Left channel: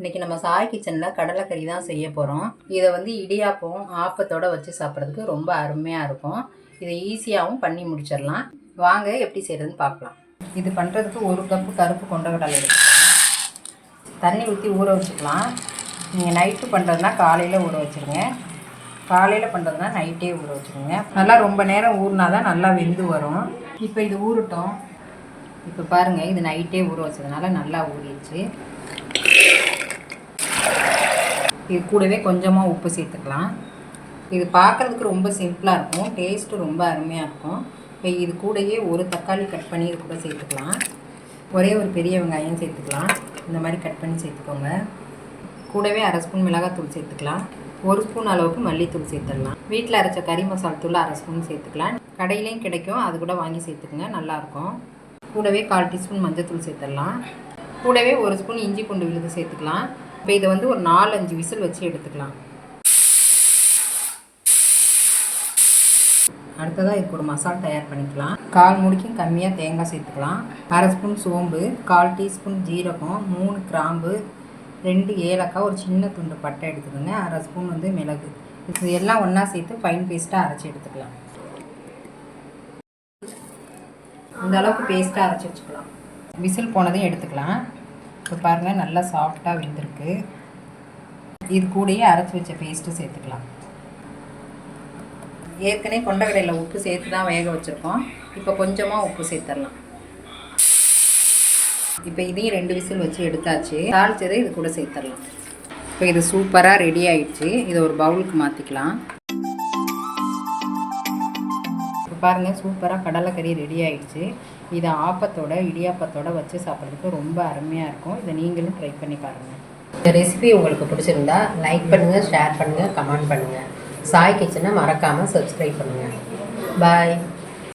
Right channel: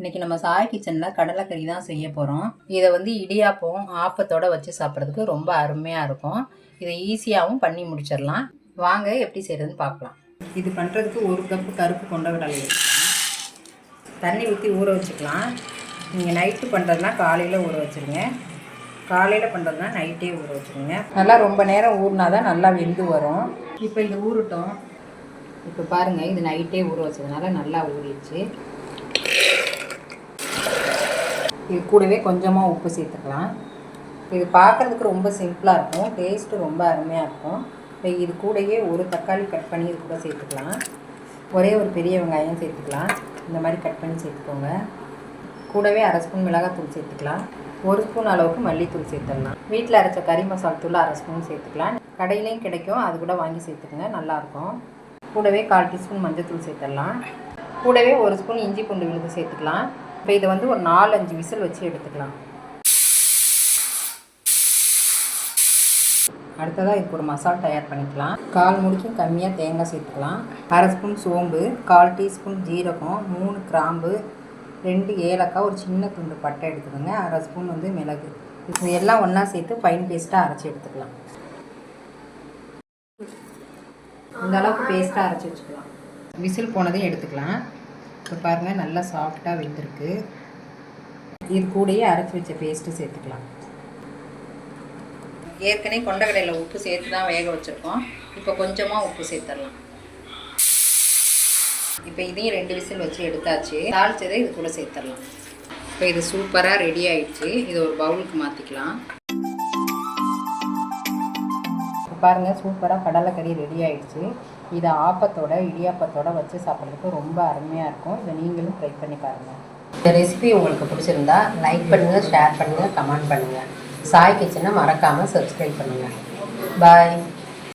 இன்றைக்கி நம்ம சாய் கிச்சனில் கடலைக்கறி தான் செய்ய போகிறோம். இதை வந்து இடியாப்பம் ஆப்பத்தோடு வச்சு சாப்பிட்றதுக்கு ரொம்ப அருமையாக இருக்கும். இதை ஈஸியாகவும் பண்ணி முடிச்சிடலாம். வாங்க எப்படி செய்கிறதுன்னு பார்க்கலாம். இது பண்ணுறதுக்கு 1 கப்பு கருப்பு கொண்டக்கடலை எடுத்துக்கலாம். தண்ணி ஊற்றி ஊற வச்சுக்கலாம். நீங்கள் நைட்டு பண்ணுறதுனா காலையில் ஊற வச்சுருங்க. காலையில் பண்ணுறதுனா நைட்டே ஊற வச்சுருங்க. நல்லா ரொம்ப நேரம் ஊறினா தான் நல்லா வெந்து வரும். இப்போ இது ஊறட்டும். இப்போ பாருங்கள், இது நைட்டே ஊற வச்சதுனால நல்லா ஊறிடுச்சு. இது கூடவே கொஞ்சமாக உப்பு சேர்த்துக்கலாம். இது பார்க்குறதுக்கு ரொம்ப சிம்பிளாக இருக்கும், டேஸ்ட்டு ரொம்ப அருமையாக இருக்கும். இப்போ இது கூடயே ஒரு தக்காளி கட் பண்ணி இது கூட சேர்த்துக்கலாம். ஒரே ஒரு பெரிய வெங்காயம் சேர்த்துக்கலாம். இந்த மாதிரி கட் பண்ணி சேர்த்துக்கோங்க. கூடவே 1/2 ஸ்பூன் மிளகாத்தூள் சேர்த்துக்கலாம். 1 ஸ்பூன் அளவுக்கு மல்லித்தூள் சேர்த்துடலாம். வீட்டில் அரைச்ச கறி மசாலா தூள் 1/2 ஸ்பூன் சேர்த்துக்கலாம். கடையிலையும் கிடைக்கும், அது கூட வாங்கி சேர்த்துக்குங்க, நல்லாயிருக்கும். கூடவே 1/4 டீஸ்பூன் மஞ்சள் சேர்த்துடலாம். கூடவே 1 ஸ்பூன் இஞ்சி பூண்டு விழுது சேர்த்துக்கலாம். இப்போ இதை வந்து ஒரு 4-5 விசில் வச்சு எடுத்துக்கலாம். அடுத்ததாக இதுக்கு ஒரு மசாலா தயார் பண்ணிக்கலாம். 1/4 மூடிக்கும் கம்மியாக தேங்காய் சேர்த்துக்கலாம். 1/2 ஸ்பூன் சோம்பு, 1/4 டீஸ்பூன் ஜீரகம், 3 கிராம்பு, 2 ஏலக்காய், ஒரு சின்ன துண்டு பட்டை எடுத்துக்கோங்க. 1/2 ஸ்பூன் வந்து மிளகு. இது எல்லாம் ஒன்றா சேர்த்து ஃபைன் பேஸ்ட்டாக அரைச்சி எடுத்துக்கலாம். இந்த அளவுக்கு பேஸ்ட்டாக அரைச்சி வச்சுக்கலாம். விசில் போனதையும் எடுத்துக்கலாம். இப்போ பாருங்கள், நல்லா சாஃப்டாக வெந்திருக்கு. இது கூடயே அரைச்சி வச்ச பேஸ்ட்டு சேர்த்துக்கலாம். ஏற்கனவே கொண்டக்கடையில் உப்பு சேர்த்து தான் வேக வச்சுருக்கோம். இப்போ கொஞ்சமாக உப்பு சேர்த்துடலாம். இப்போ இதையும் 2 விசில் வச்சு எடுத்தாச்சு. தாளிச்சதை இது கூட சேர்த்துடலாம். இப்போ இது சூப்பராக ரெடி ஆகிடுச்சு. இதை ஒரு பவுலுக்கு மாற்றிக்கலாம். பாருங்கள், சூப்பராக கடலைக்கறி ரெடி ஆகிடுச்சு. இதை ஆப்பத்தோட இடியாப்பத்தோட வச்சு சாப்பிட்றதுக்கு ரொம்ப அருமையாக இருக்கும். இதை நீங்களும் ட்ரை பண்ணி பாருங்கள். இந்த ரெசிபி உங்களுக்கு பிடிச்சிருந்தா லைக் பண்ணுங்கள், ஷேர் பண்ணுங்கள், கமெண்ட் பண்ணுங்கள். சாய் கிச்சனை மறக்காமல் சப்ஸ்கிரைப் பண்ணுங்கள். பாய்.